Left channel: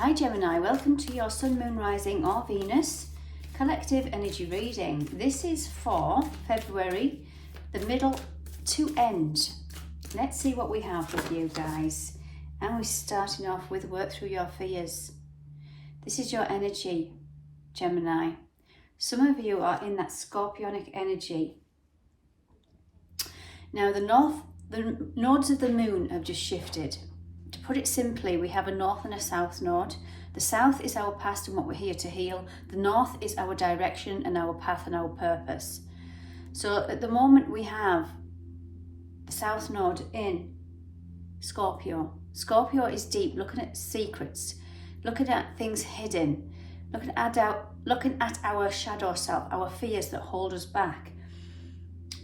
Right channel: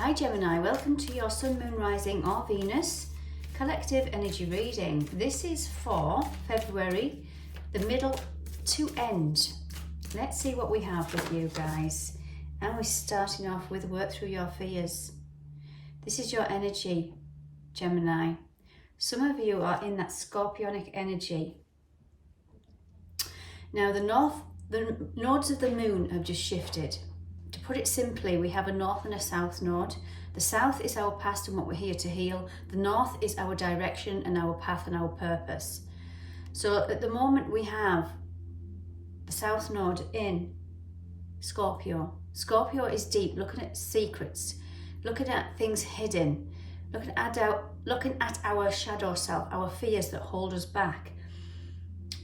Hi Gemini, welcome to your Sun, Moon, Rising or Venus collective energy reading. This is for February, the middle to end. Let's see what we have with you guys. And we're starting off with work through your fears. This is your energy, Gemini. Some of you are in that scorpionic energy. Now the nodes of the moon have just shifted. To put it simply, we have a north and a south node. The south is our past and what we're here to heal. The north is our direction and our path and our purpose. So at the moment we have the south node in Scorpio. Scorpio is deep, looking at secrets, looking at things hidden, looking at our shadow self, our fears that hold us back.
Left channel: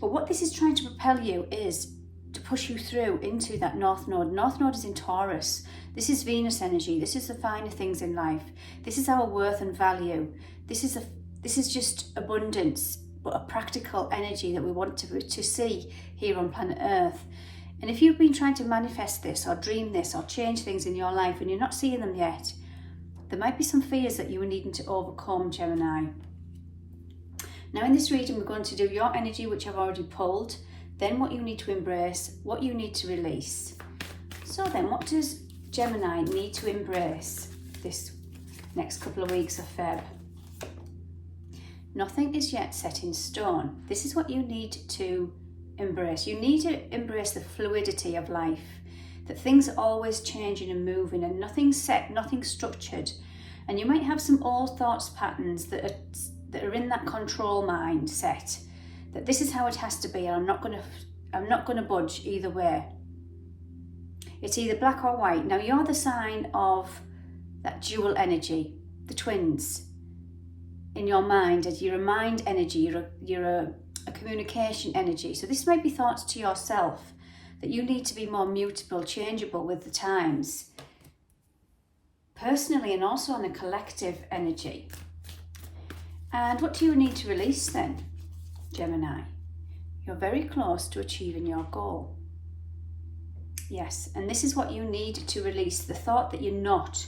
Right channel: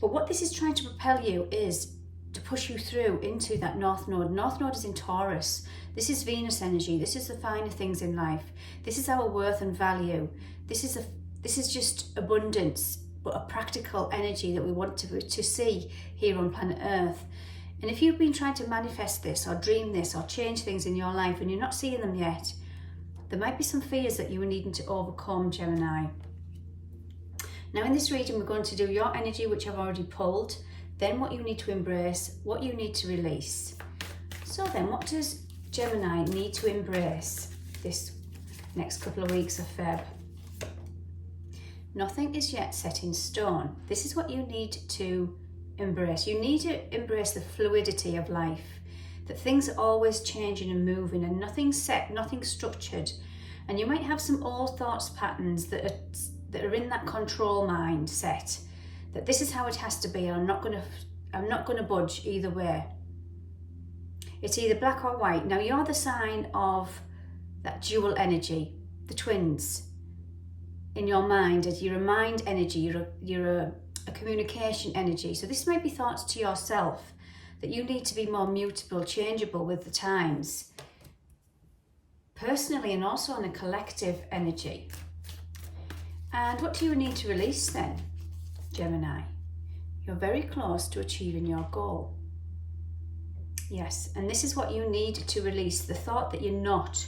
But what this is trying to propel you is to push you through into that north node. North node is in Taurus. This is Venus energy. This is the finer things in life. This is our worth and value. This is just abundance, but a practical energy that we want to see here on planet Earth. And if you've been trying to manifest this or dream this or change things in your life and you're not seeing them yet, there might be some fears that you are needing to overcome, Gemini. Now in this reading, we're going to do your energy, which I've already pulled, then what you need to embrace, what you need to release. So then, what does Gemini need to embrace this next couple of weeks of Feb? Nothing is yet set in stone. This is what you need to embrace. You need to embrace the fluidity of life, that things are always changing and moving and nothing's set, nothing's structured. And you might have some old thoughts patterns that are in that control mindset, that this is how it has to be and I'm not going to budge either way. It's either black or white. Now you're the sign of that dual energy, the twins in your mind, as you're a mind energy, you're a communication energy. So this may be thoughts to yourself that you need to be more mutable, changeable with the times, personally and also on a collective energy. And what do you need to release then, Gemini? You're very close to achieving your goal. Yes, and this is what you need to release, the thought that you're not,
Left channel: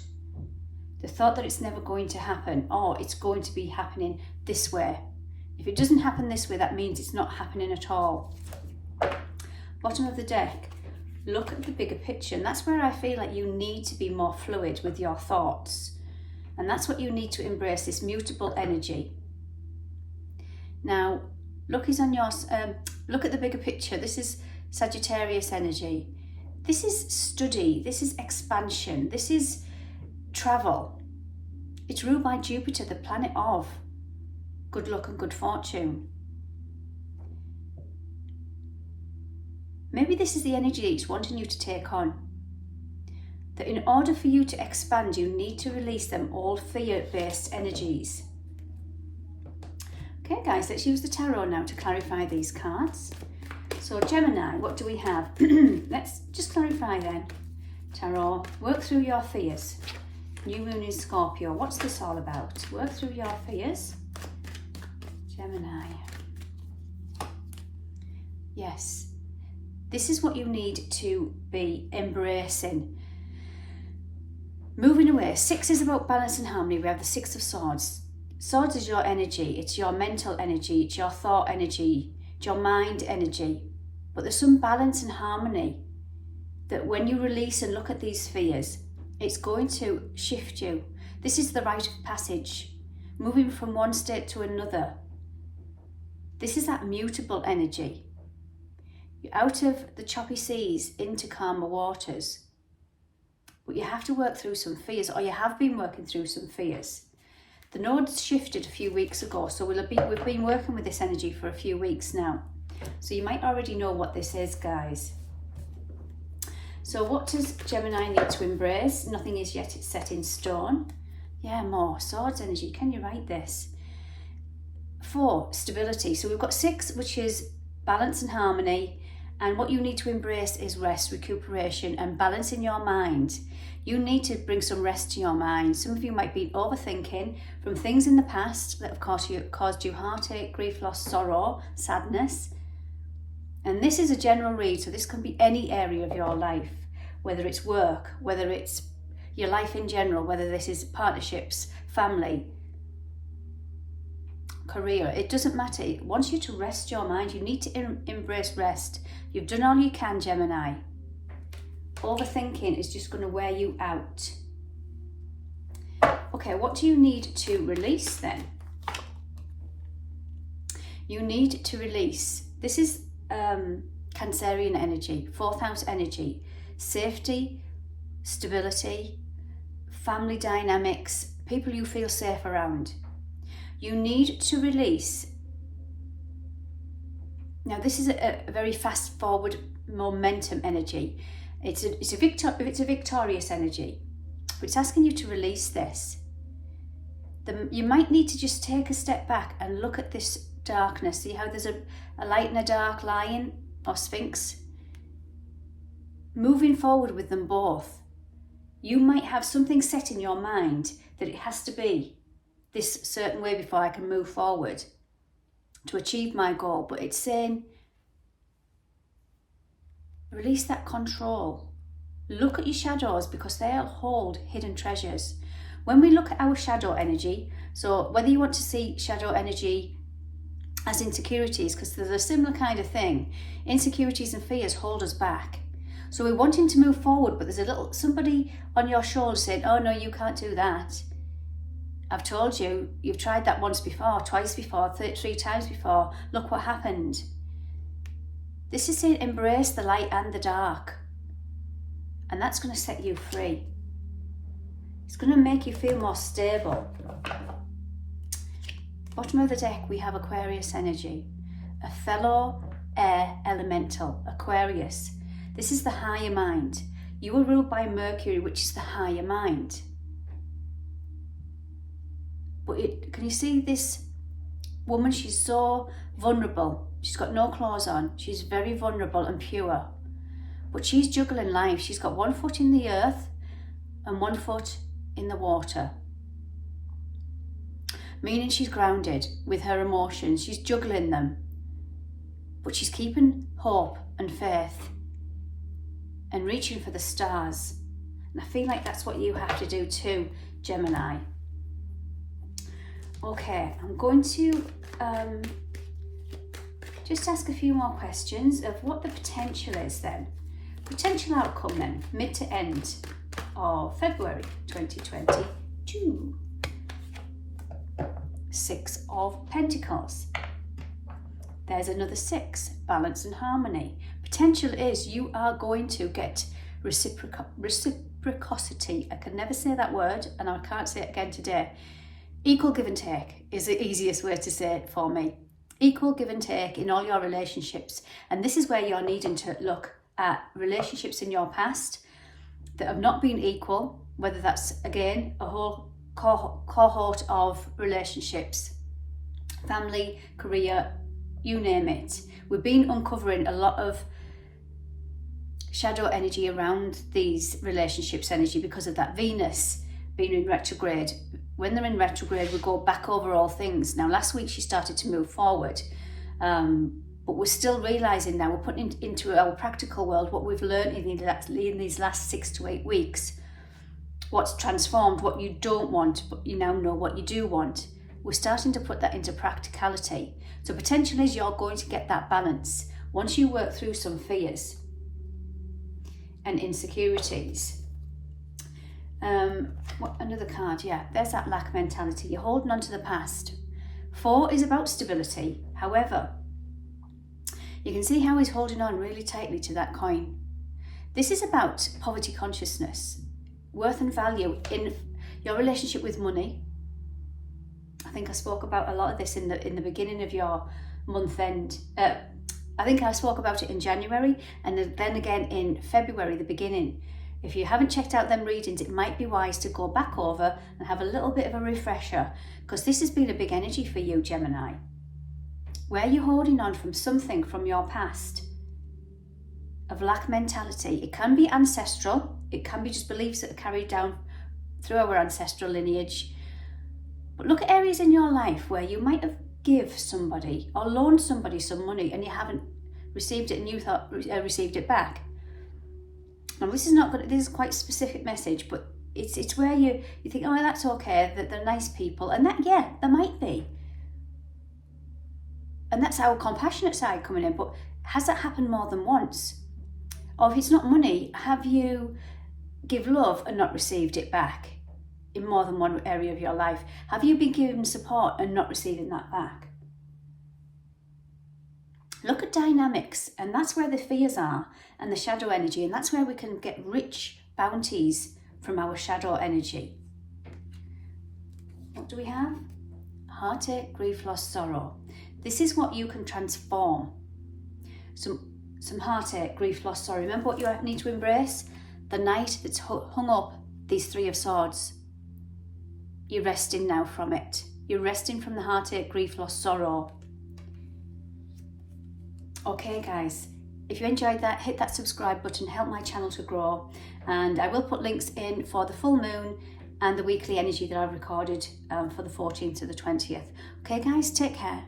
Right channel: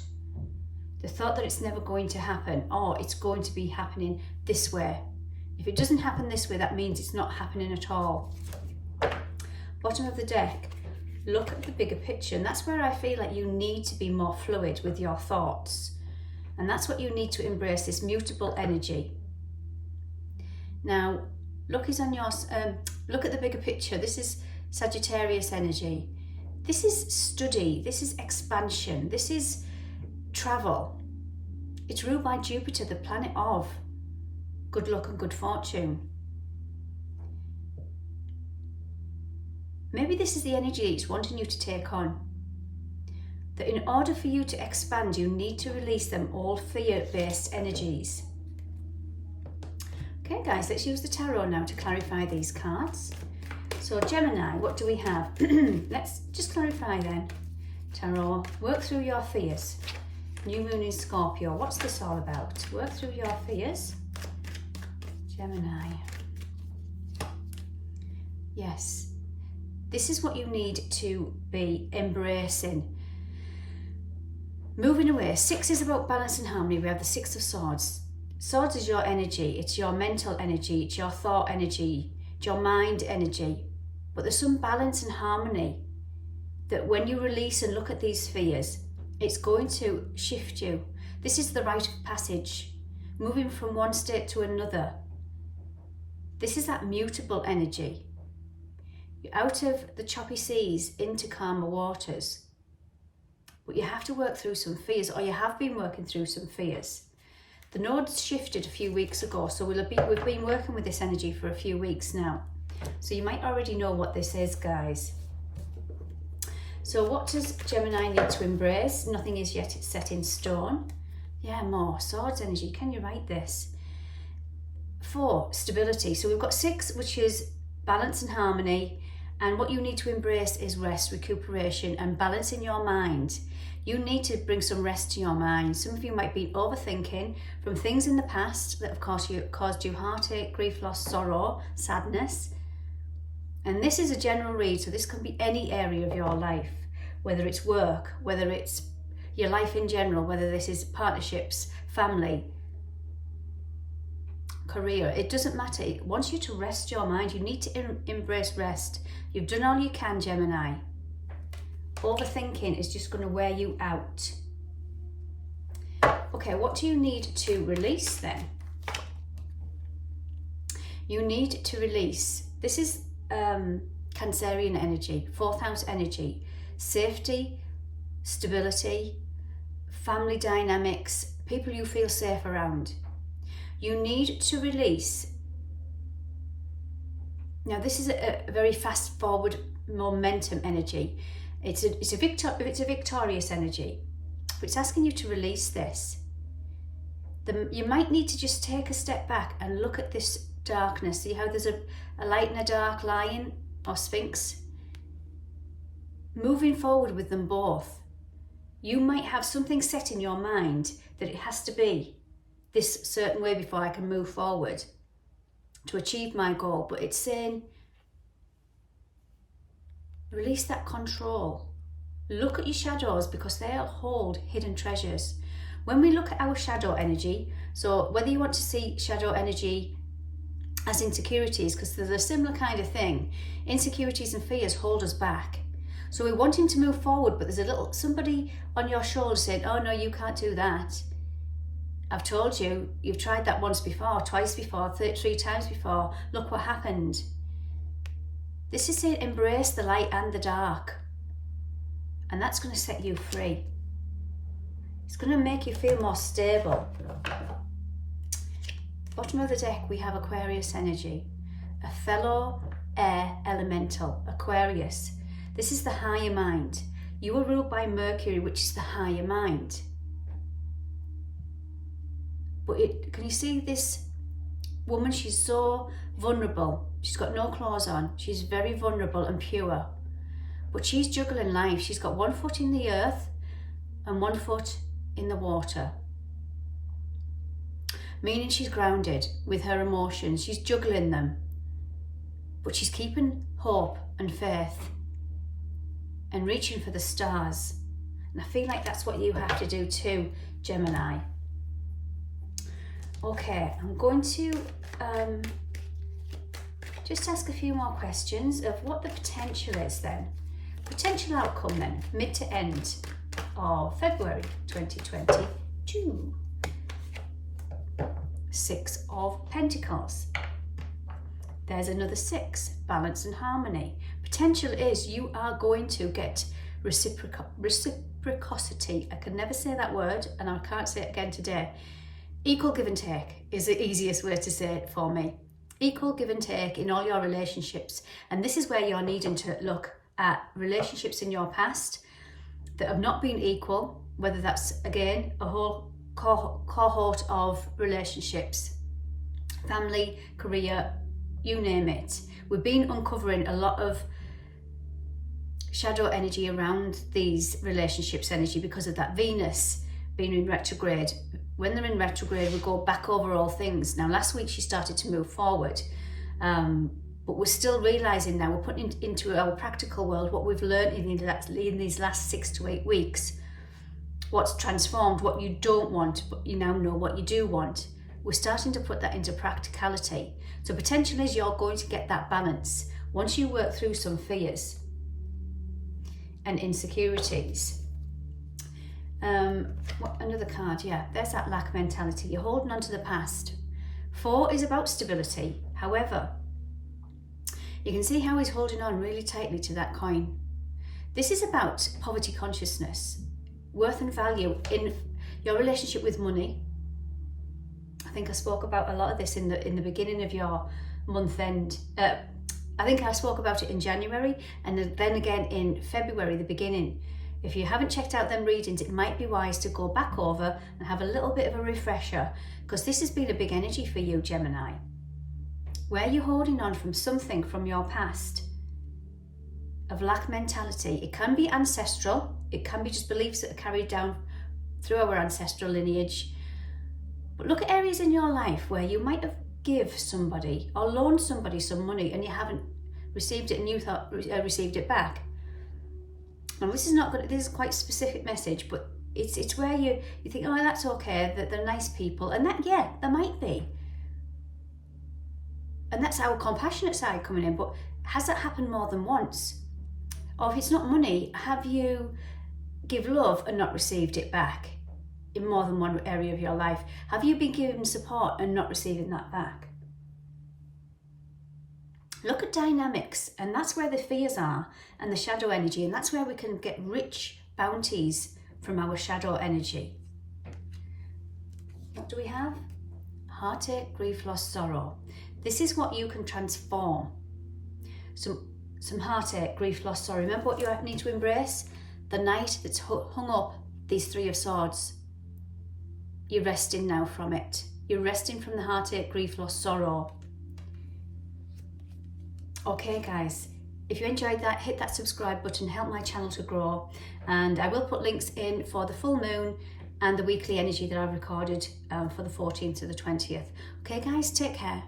the thought that it's never going to happen, or it's going to be happening this way. If it doesn't happen this way, that means it's not happening at all. Bottom of the deck, look at the bigger picture, and that's where I feel like you need to be more fluid with your thoughts. And that's what you need to embrace, this mutable energy. Now, look at the bigger picture. This is Sagittarius energy. This is study. This is expansion. This is travel. It's ruled by Jupiter, the planet of good luck and good fortune. Maybe this is the energy it's wanting you to take on. That in order for you to expand, you need to release them old fear-based energies. Okay guys, let's use the tarot now to clarify these cards. So Gemini, what do we have? Let's just clarify then. Tarot, work through your fears. New moon in Scorpio, what's this all about? Work through your fears. Gemini. Yes, this is what you need to be embracing. Moving away. 6 is about balance and harmony. We have the 6 of Swords. Swords is your energy. It's your mental energy. It's your thought energy. It's your mind energy. But there's some balance and harmony that when you release and look at these fears, it's going to shift you. This is the rite of passage. Moving from one state to another. This is that mutable energy. You're out of the choppy seas into calmer waters. But you have to work through some fears, or you have been working through some fears. The nodes shifted a few weeks ago, so we've been working with this energy for a few weeks now. So you might already know what this is, guys. So what does Gemini need to embrace? Nothing is yet set in stone. Yeah, more Swords energy. Can you write this? 4, stability. So we've got 6, which is balance and harmony. And what you need to embrace is rest, recuperation, and balance in your mind. You need to bring some rest to your mind. Some of you might be overthinking from things in the past that have caused you heartache, grief, loss, sorrow, sadness. And this is a general read, so this can be any area of your life, whether it's work, whether it's your life in general, whether this is partnerships, family, career, it doesn't matter. It wants you to rest your mind. You need to embrace rest. You've done all you can, Gemini. Overthinking is just going to wear you out. Okay, what do you need to release then? You need to release. This is Cancerian energy, 4th house energy, safety, stability, family dynamics, people you feel safe around. You need to release. Now this is a very fast forward momentum energy. It's a victorious energy, but it's asking you to release this. You might need to just take a step back and look at this darkness. See how there's a light and a dark lion or sphinx? Moving forward with them both. You might have something set in your mind that it has to be this certain way before I can move forward to achieve my goal, but it's saying release that control. Look at your shadows, because they'll hold hidden treasures. When we look at our shadow energy, so whether you want to see shadow energy as insecurities, because there's a similar kind of thing, insecurities and fears hold us back. So we're wanting to move forward, but there's somebody on your shoulder saying, oh no, you can't do that. I've told you, you've tried that once before, twice before, 3 times before. Look what happened. This is saying embrace the light and the dark. And that's going to set you free. It's going to make you feel more stable. Bottom of the deck, we have Aquarius energy. A fellow air elemental, Aquarius. This is the higher mind. You are ruled by Mercury, which is the higher mind. But can you see this woman? She's so vulnerable. She's got no clothes on. She's very vulnerable and pure. But she's juggling life. She's got 1 foot in the earth and 1 foot in the water. Meaning she's grounded with her emotions. She's juggling them. But she's keeping hope and faith and reaching for the stars. And I feel like that's what you have to do too, Gemini. Okay, I'm going to just ask a few more questions of what the potential is then. Potential outcome then, mid to end of February 2022. 6 of Pentacles. There's another 6, balance and harmony. Potential is you are going to get reciprocity. I can never say that word, and I can't say it again today. Equal give and take is the easiest way to say it for me. Equal give and take in all your relationships. And this is where you're needing to look at relationships in your past that have not been equal, whether that's, again, a whole cohort of relationships, family, career, you name it. We've been uncovering a lot of shadow energy around these relationships energy because of that Venus being in retrograde. When they're in retrograde, we go back over all things. Now, last week she started to move forward, but we're still realising now, we're putting into our practical world what we've learned in these last 6 to 8 weeks. What's transformed, what you don't want, but you now know what you do want. We're starting to put that into practicality. So potential is you're going to get that balance once you work through some fears and insecurities. Another card, yeah, there's that lack mentality. You're holding on to the past. 4 is about stability. However, you can see how he's holding on really tightly to that coin. This is about poverty consciousness, worth and value in your relationship with money. I think I spoke about a lot of this in the beginning of your month end. I think I spoke about it in January, and then again in February, the beginning. If you haven't checked out them readings, it might be wise to go back over and have a little bit of a refresher, because this has been a big energy for you, Gemini. Where you're holding on from something from your past of lack mentality. It can be ancestral. It can be just beliefs that are carried down through our ancestral lineage. But look at areas in your life where you might have give somebody or loaned somebody some money and you haven't received it and you thought received it back. Now this is not good. This is quite a specific message, but It's where you think, oh, that's okay, that they're nice people, and that, yeah, there might be. And that's our compassionate side coming in. But has that happened more than once? Or if it's not money, have you give love and not received it back in more than one area of your life? Have you been given support and not receiving that back? Look at dynamics, and that's where the fears are and the shadow energy, and that's where we can get rich bounties from our shadow energy. What do we have? Heartache, grief, loss, sorrow. This is what you can transform. Some heartache, grief, loss, sorrow. Remember what you need to embrace? The knight that's hung up these 3 of swords. You're resting now from it. You're resting from the heartache, grief, loss, sorrow. Okay guys, if you enjoyed that, hit that subscribe button, help my channel to grow, and I will put links in for the full moon and the weekly energy that I've recorded for the 14th to the 20th. Okay guys, take care.